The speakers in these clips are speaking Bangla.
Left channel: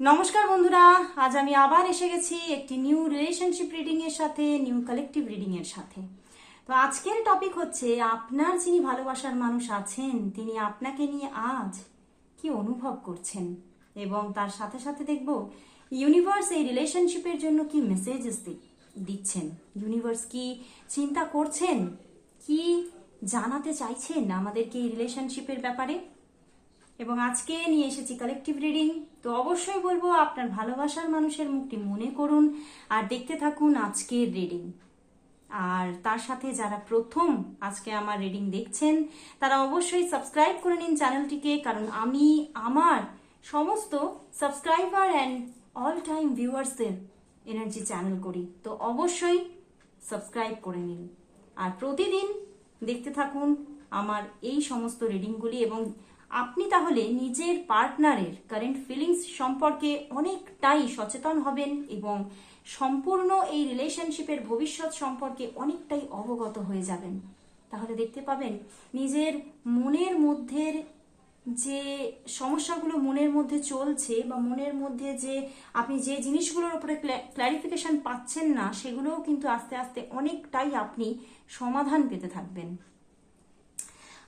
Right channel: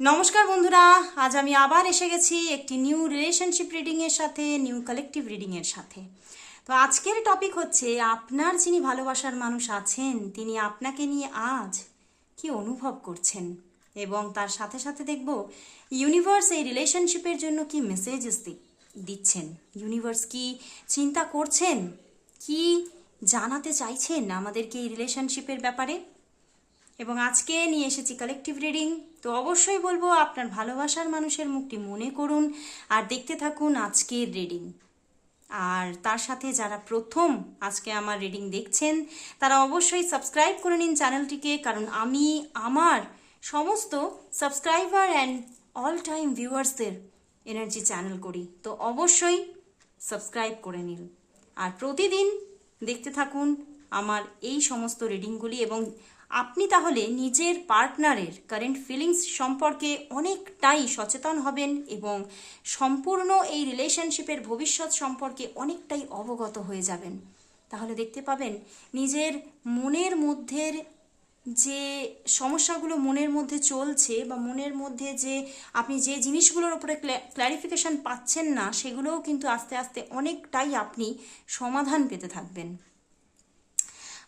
নমস্কার বন্ধুরা, আজ আমি আবার এসে গেছি একটি নিউ রিলেশনশিপ রিডিং এর সাথে নিউ কালেকটিভ রিডিং এর সাথে। তো আজকের টপিক হচ্ছে, আপনার যিনি ভালোবাসার মানুষ আছেন, তিনি আপনাকে নিয়ে আজ কি অনুভব করছেন? এবং তার সাথে সাথে দেখব ইউনিভার্স এই রিলেশনশিপের জন্য কি মেসেজেস দিচ্ছেন? ইউনিভার্স কি চিন্তা করছেন? কি জানাতে চাইছেন আমাদেরকে এই রিলেশনশিপের ব্যাপারে? এবং আজকে নিয়ে এসেছি কালেকটিভ রিডিং তো অবশ্যই বলব, আপনার ভালোবাসার মানুষের মুখটি মনে করুন আর দেখতে থাকুন আজকের রিডিং আর তার সাথে যারা প্রথম আজকে আমার রিডিং দেখছেন, তারা অবশ্যই সাবস্ক্রাইব করে নিন চ্যানেলটিকে কারণ আমি, আমার সমস্ত সাবস্ক্রাইবার অ্যান্ড অল টাইম ভিউয়ার্সদের এনার্জি চ্যানেল করি। তো অবশ্যই সাবস্ক্রাইব করে নিন। আর প্রতিদিন দেখতে থাকুন আমার এই সমস্ত রিডিংগুলি এবং আপনি তাহলে নিজের পার্টনারের কারেন্ট ফিলিংস সম্পর্কে অনেকটাই সচেতন হবেন এবং সম্পূর্ণ এই রিলেশনশিপের ভবিষ্যৎ সম্পর্কে অনেকটাই অবগত হয়ে যাবেন। তাহলে দেখতে পাবেন, নিজের মনের মধ্যের যে সমস্যাগুলো মনের মধ্যে চলছে বা মনের মধ্যে যে আপনি যে জিনিসগুলোর উপরে ক্ল্যারিফিকেশন পাচ্ছেন না, সেগুলোও কিন্তু আস্তে আস্তে অনেকটাই আপনি সমাধান পেতে থাকবেন।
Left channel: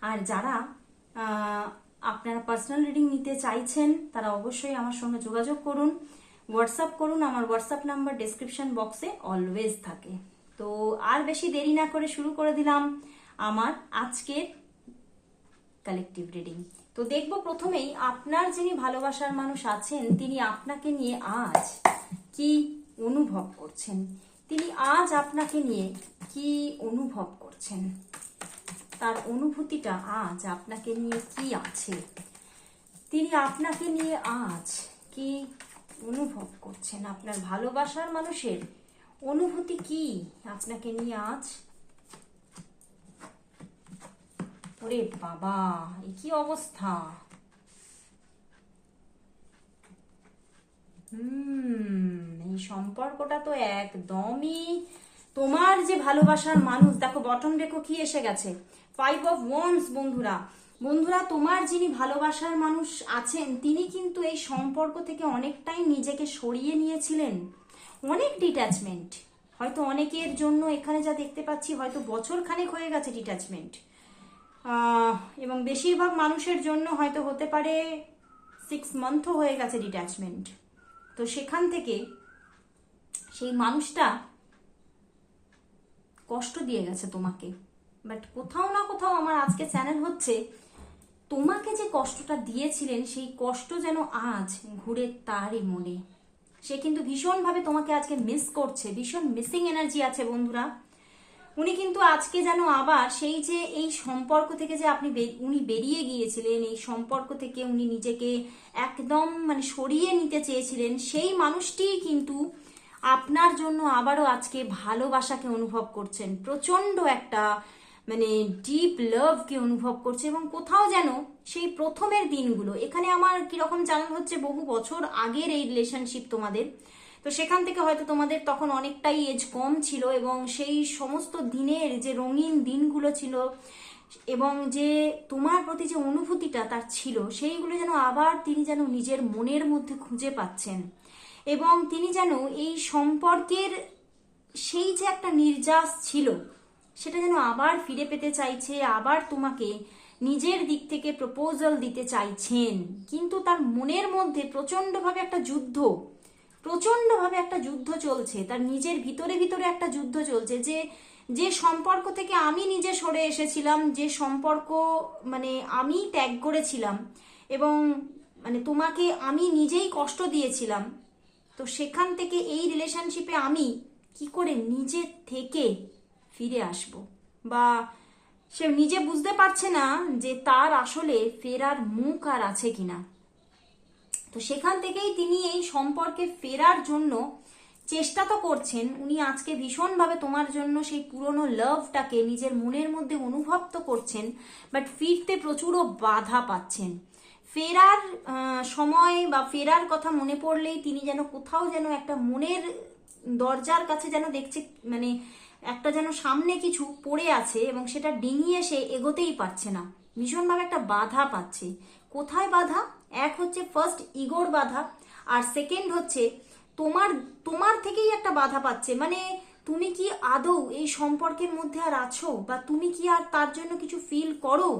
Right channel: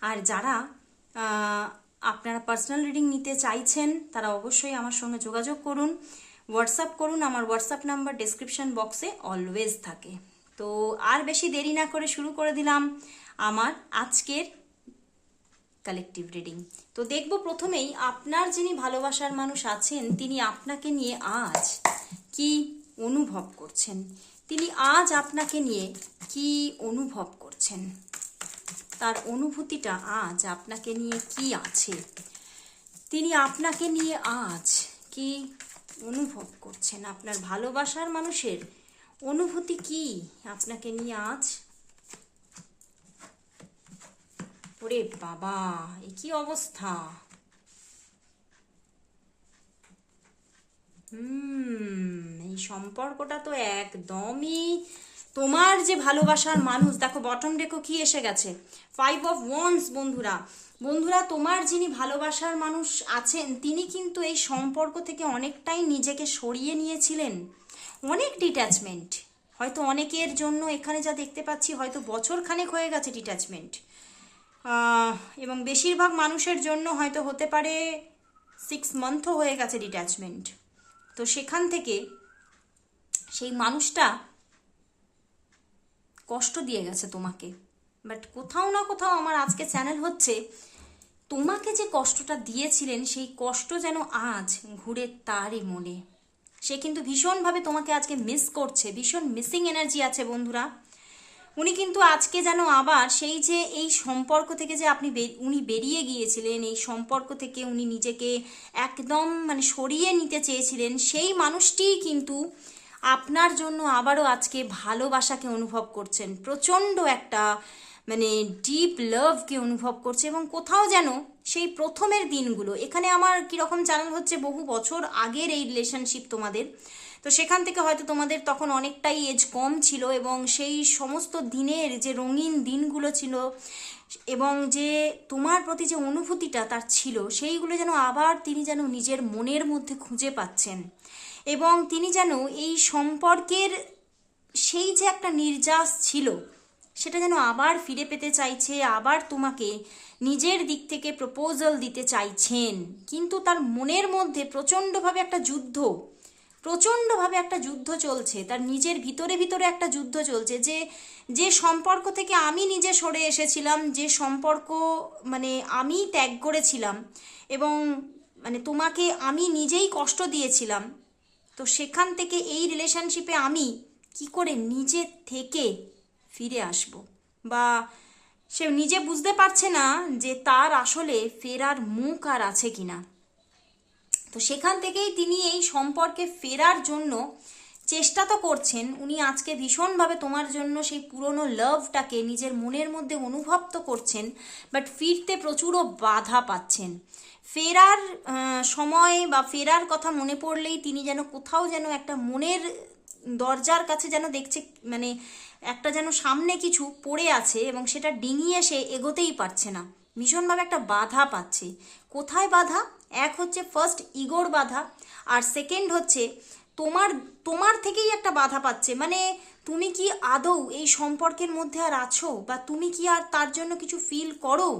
আর যারা আপনারা পার্সোনাল রিডিং নিতে চাইছেন, তারা অবশ্যই আমার সঙ্গে যোগাযোগ করুন। হোয়াটসঅ্যাপ করুন, আমার হোয়াটসঅ্যাপ নাম্বার ডেসক্রিপশন বক্সে অলওয়েজ থাকে। তো আর বেশি দেরি না করে শুরু করে দিলাম আমার আজকের কালেকটিভ রিডিং তো দেখব প্রথমেই আপনার যিনি ভালোবাসার মানুষ আছেন, তিনি আপনাকে নিয়ে আজ কি অনুভব করছেন? তিনি আজ আপনাকে নিয়ে কি অনুভব করছেন? তার অনুভূতিটা আজ আপনাকে নিয়ে কি আছে? তিনি আপনাকে নিয়ে আজ কি অনুভব করছেন? আপনার ভালোবাসার মানুষের অনুভূতি কি আপনাকে নিয়ে আজ? ওরে বাবা, এ কি অবস্থা? হুম, এই সম্পর্কটা তো একদমই তোমার যে ভালোবাসার মানুষ, দেখো বটম ডেকো কি এসে গেছে? ফাইভ অফ ওয়ান্স বন্ধুরা। বন্ধুরা, তোমার যিনি ভালোবাসার মানুষ আছেন, তিনি কিন্তু এই সম্পর্ক থেকে অনেকটাই নিজেকে সরিয়ে নিয়েছিলেন। অনেক ডিট্যাচমেন্ট হয়তো অনেকের জন্য এখানে যা দেখতে পাচ্ছি, হয়তো বছর খানেক হয়ে গেছে ডিট্যাচমেন্ট এবং বেশিরভাগ মানুষের জন্য হয়তো হতে পারে সিক্স মান্থও হয়ে গেছে ডিট্যাচমেন্ট তো সেখান থেকে সেই মানুষটা কষ্ট দিয়ে গেছে তোমাকে। বাট কোথাও না কোথাও আমার আজকে চ্যানেল হচ্ছে, তোমাকে যে কষ্টটা দিয়েছিলেন, সেই কষ্ট যেন আজ ঘুরে তারই মনে সে কিন্তু ভীষণভাবে তোমাকে আজকে মিস করছে, ভীষণ মিসিং এনার্জি আছে বন্ধুরা। উনি কিন্তু আজকে যেন আবার সেই যে এই সম্পর্ক থেকে যে আপনি উনি বেরিয়ে গিয়েছিলেন, এই সম্পর্ক থেকে উনি নিজেকে একদম মানে সরিয়ে নিতে চেয়েছিলেন, সেই মানুষটিই কিন্তু আপনার জন্য আবারও আজকে ভালোবাসাকে অনুভব করছেন, প্রচণ্ড একটা মানে ডিপ লাভকে অনুভব করছে এবং কোথাও যেন সেই প্রথমের দিনগুলো, এখানে আমার কীরকম চ্যানেল হচ্ছে বহু বছর আগের এই রিলেশনশিপ তোমাদের, তো সেখান থেকে হয়তো তোমাদের তখন অনেকটাই এজ কম ছিল এবং সেই সমস্ত দিনের যে রঙিন দিনগুলো ছিল এবং যে তোমার প্রতি যে অনুভূতিটা তার ছিল, সেইগুলো যেন আবার তিনি যেন নিজের মনের মধ্যে খুঁজে পাচ্ছেন। এবং তিনি যেন এই সম্পর্কের সেই যে একটা নির্যাস ছিল, সেটা যেন আবার ফিরে পেতে চাইছে, আবার তোমাকে নিজের দিক থেকে প্রপোজাল দিতে চাইছেন। কিন্তু তার মনের মধ্যে প্রচণ্ডভাবে একটা যুদ্ধ, প্রচণ্ডভাবে একটা যুদ্ধ চলছে। তার নিজের ভিতরে ভিতরে একটা যুদ্ধ চলছে যে যে সম্পর্ক থেকে আমি নিজে সরে এসেছিলাম, যে সম্পর্ক মানে আমি ত্যাগ করেছিলাম এবং মানে তোমাকে আমি নিজেই কষ্ট দিয়েছিলাম তো সেখান থেকে এই রিলেশনশিপে আমি কি করে নিজে থেকে ফিরে আসব? বা সে নিজে বুঝতে পারছে না যে তার আসলে ফেরার মুখ আর আছে কিনা। তো সেখান থেকেই তিনি এই সম্পর্কে ফেরার জন্য চেষ্টা তো করছেন। উনি আজকে ভীষণভাবে তোমার জন্য সেই পুরনো লাভটাকে নিজের মনের মধ্যে অনুভব তো করছেন বাট ফিরতে প্রচুরও বাধা পাচ্ছেন। ফেরার সময় বা ফেরার কথা মনে পড়লেই তিনি যেন কোথাও যেন একটা মনের দরজার কাছে যেন দেখছে মানে একটা যেন সামনে কিছু পড়ে আছে এবং সেটা ডিঙিয়ে সে এগোতেই পারছে না। ভীষণভাবে একটা বাধা পাচ্ছে। কোথায় বাধা? এক হচ্ছে ফার্স্ট ইগোর বাধা আর সেকেন্ড হচ্ছে তোমার তোমার থেকেই একটা বাধা পাচ্ছে। মানে তুমি কি আদৌ এই সম্পর্কের মধ্যে আর আছো বা তুমি কি আর তার জন্য কিছু ফিল করো?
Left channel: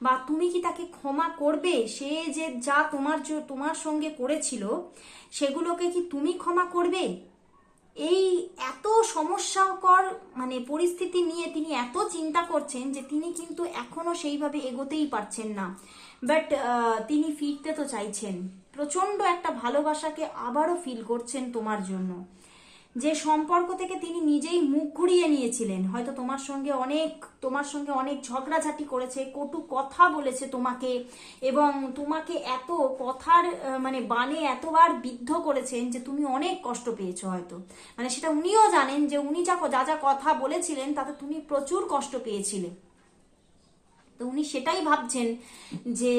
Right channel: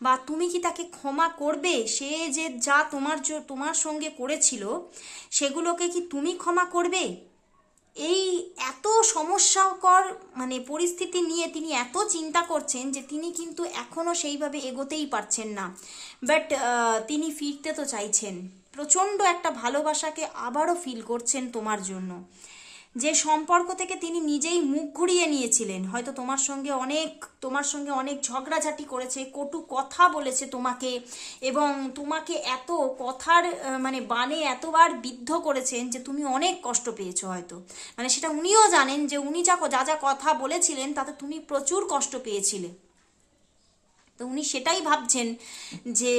বা তুমি কি তাকে ক্ষমা করবে? সে যে যা তোমার তোমার সঙ্গে করেছিল, সেগুলোকে কি তুমি ক্ষমা করবে? এই এত সমস্যাকর মানে পরিস্থিতি নিয়ে তিনি এত চিন্তা করছেন যে তিনি কিন্তু এখনও সেইভাবে এগোতেই পারছেন না। বাট তিনি ফিরতে তো চাইছেন। প্রচণ্ড একটা ভালোবাসাকে আবারও ফিল করছেন তোমার জন্য। যে সম্পর্ক থেকে তিনি নিজেই মুখ ঘুরিয়ে নিয়েছিলেন। হয়তো তোমার সঙ্গে অনেক, তোমার সঙ্গে অনেক ঝগড়াঝাটি করেছে, কটু কথা বলেছে তোমাকে, এবং তোমাকে এত কথার মানে বানে এতবার বিদ্ধ করেছেন যে তুমি অনেক কষ্ট পেয়েছ হয়তো। মানে সেটা উনিও জানেন যে উনি যা যা যা কথা বলেছিলেন তাতে তুমি প্রচুর কষ্ট পেয়েছিলে। তো উনি সেটাই ভাবছেন যে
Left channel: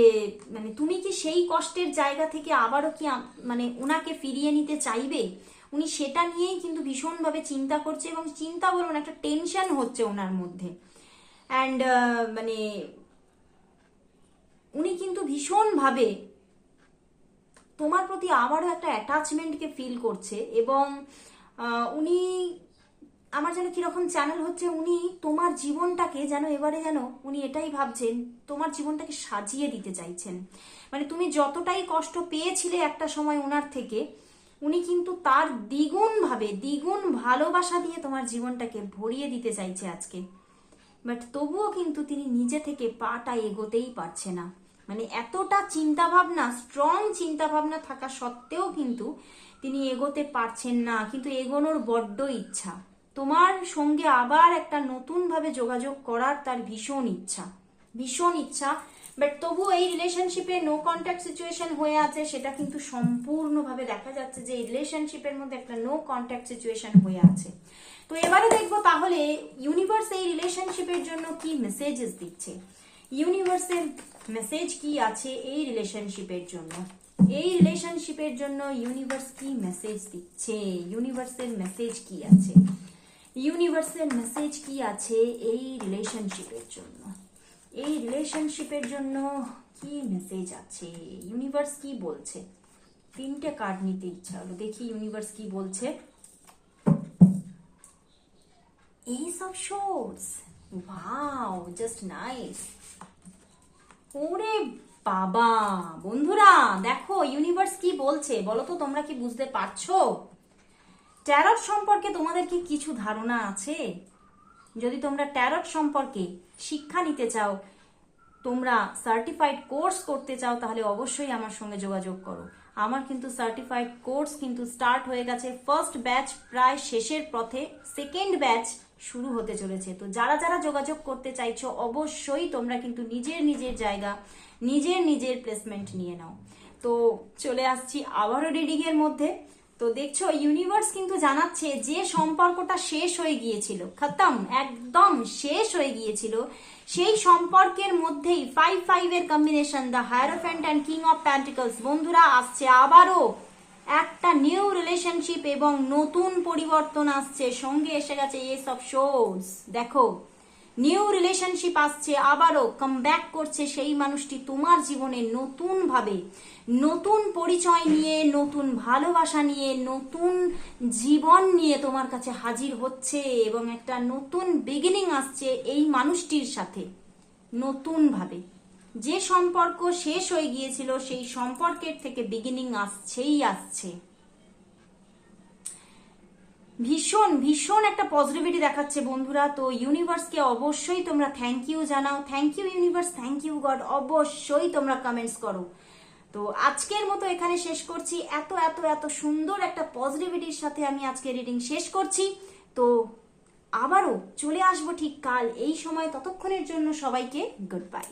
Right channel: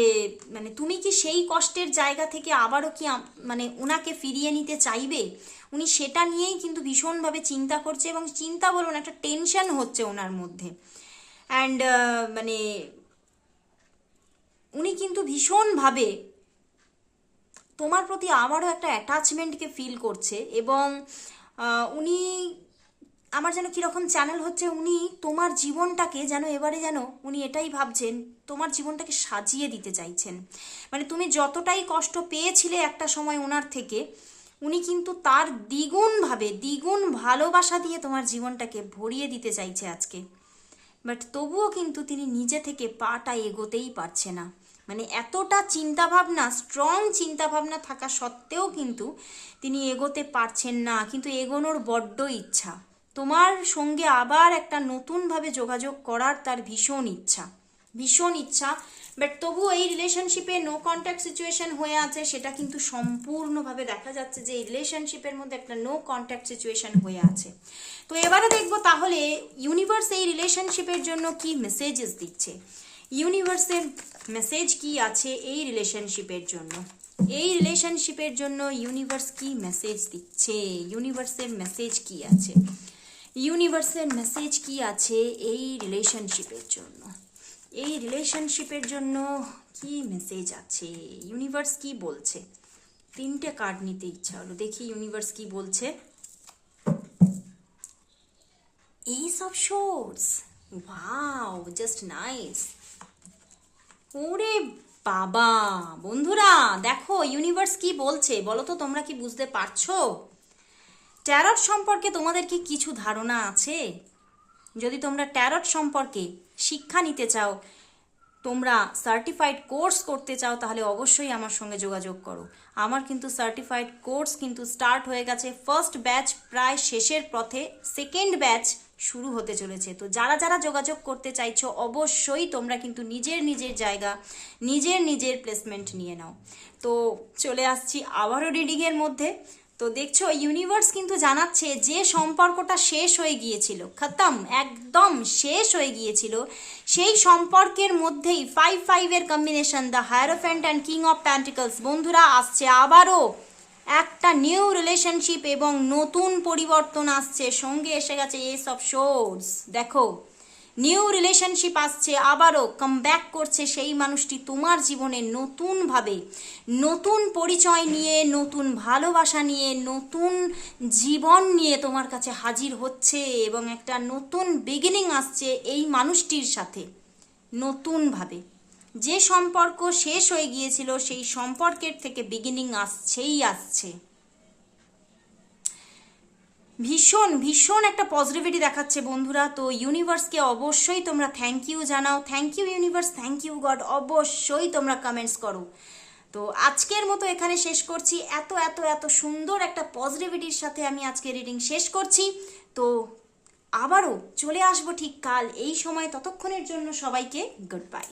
মানে তুমি কি সেই কষ্টের জায়গা থেকে আবারও কি মানে ওনাকে ফিরিয়ে নিতে চাইবে? উনি সেটা নিয়েই কিন্তু ভীষণভাবে চিন্তা করছে এবং চিন্তা বলুন, একটা টেনশন হচ্ছে ওনার মধ্যে। অ্যান্ড মানে উনি কিন্তু ভীষণভাবে তোমার প্রতি আবারও একটা অ্যাটাচমেন্টকে ফিল করছে এবং উনি আমার যেন কীরকম চ্যানেল হচ্ছে, উনি তোমার জীবনটাকে যেন এবারে যেন উনি এটাই ভাবছেন, তোমার জীবনটাকে সাজিয়ে দিতে চাইছেন। মানে তুমি যতটাই কষ্ট পেয়েছিলে একটা সময় ওনার থেকে উনি কিন্তু তার দ্বিগুণভাবে, দ্বিগুণ ভালোবাসা দিয়ে তোমার জীবনটাকে ভরিয়ে দিতে চাইছে আজকে। বাট তবুও কিন্তু তিনি নিজে থেকে পাটা এগোতেই পারছে না। মানে এতটা চিন্তাভাবনা স্ট্রং চিন্তাভাবনা থাকা সত্ত্বেও কিন্তু তিনি এগোতে পারছেন না, কিন্তু এগোনোর বড্ড ইচ্ছা। তোমার সঙ্গে আবার একটা নতুনভাবে যোগাযোগ করার তার ভীষণ ইচ্ছা। ভীষণ ইচ্ছা বাট তবু এই রিলেশনশিপে নো কন্ট্যাক্ট সিচুয়েশন হয়ে আছে, সেটা কিন্তু সম্পূর্ণভাবে দেখা যাচ্ছে যে এই রিলেশনশিপের মধ্যে একটা নো কন্ট্যাক্ট সিচুয়েশন হয়ে আছে। তো এবারে দেখব তাহলে ইউনিভার্স এই রিলেশনশিপের জন্য কি মেসেজেস দিচ্ছে। ইউনিভার্সের মেসেজ কি আছে এই রিলেশনশিপের জন্য? এই রিলেশনশিপের জন্য ইউনিভার্স কি মেসেজ দিচ্ছে? ইউনিভার্সের মেসেজ কি আছে? ইউনিভার্সের মেসেজ কি আছে এই রিলেশনশিপের জন্য? এই রিলেশনশিপের জন্য কি মেসেজ আছে? ইউনিভার্স কি বলছে? তিনটে কার্ড নিতে ইচ্ছা হলো। দেখি ইউনিভার্স কি বলছে। Ace of Swords. Wow, just nice. ওরে বাবা! বন্ধুরা দেখো ইউনিভার্স কি বলছে? বলো তো তোমরা কি বুঝতে পারছ? ট্যারট সম্পর্কে তোমাদের কি কিছু ধারণা আছে? যদি তোমরা ট্যারট সম্পর্কে শিক্ষা নিতে চাও, তোমরা সার্টিফাইড কোর্স করতে চাও, তাহলে অবশ্যই আমার সঙ্গে যোগাযোগ করো। আমার কিন্তু সার্টিফাইড কোর্স কিন্তু স্টার্ট হয়ে গেছে ফার্স্ট ব্যাচ প্রায় শেষের পথে। সেকেন্ড ব্যাচ শুরু হতে চলেছে। তো যারা যারা যোগাযোগ করতে চাইছো, অবশ্যই তোমরা কিন্তু নিজের নিজের জায়গা, নিজের নিজের প্লেসমেন্ট নিয়ে নাও। তো চলে আসছি আবারও রিডিংয়ের মধ্যে। তো দেখছ ইউনিভার্স কিন্তু জানাচ্ছে যে সম্পর্কটা শেষ হয়ে গিয়েছিল, খতম, একদম শেষ হয়ে গিয়েছিল। সেই সম্পর্কের মধ্যেই ফাইভ ফাইভের combination the hierophant and king of pentacles বন্ধুরা আসছে আবারও। একটা নিউ রিলেশনশিপ এবং নতুন পরিবর্তন আসছে, সঙ্গে এসে গেছে এস অফ শোর্স দেখো। নিউ রিলেশনশিপ আসছে, আবারও কাম ব্যাক করছে সেই মানুষটি তোমার জীবনে নতুনভাবে। নতুন পরিচয় নিয়ে, নতুন ভালোবাসা নিয়ে, নতুন জীবন নিয়ে তোমার কাছে হাজির হচ্ছে এবং একটা নতুন বিগিনিং আসছে এই মানুষটির সাথে। নতুনভাবে। যে সম্পর্ক শেষ হয়ে গিয়েছিল, সেই সম্পর্কের থেকে বিগিনিং আসছেই আসছে। ভীষণ ভীষণ একটা পজিটিভিটি দেখাচ্ছে বন্ধুরা। তো ইউনিভার্সকে অবশ্যই তোমরা থ্যাংক ইউ জানাও। Thank you universe thank you God অবশ্যই তোমরা কমেন্টস করো। তো আজকের মতো এখানে শেষ করছি। এত এত এত সুন্দর একটা পজিটিভিটির সাথে আমি আজকে রিডিং শেষ করছি। তো আবারও চলে আসব ঠিক কাল এই সময়, ততক্ষণের জন্য সবাইকে গুড বাই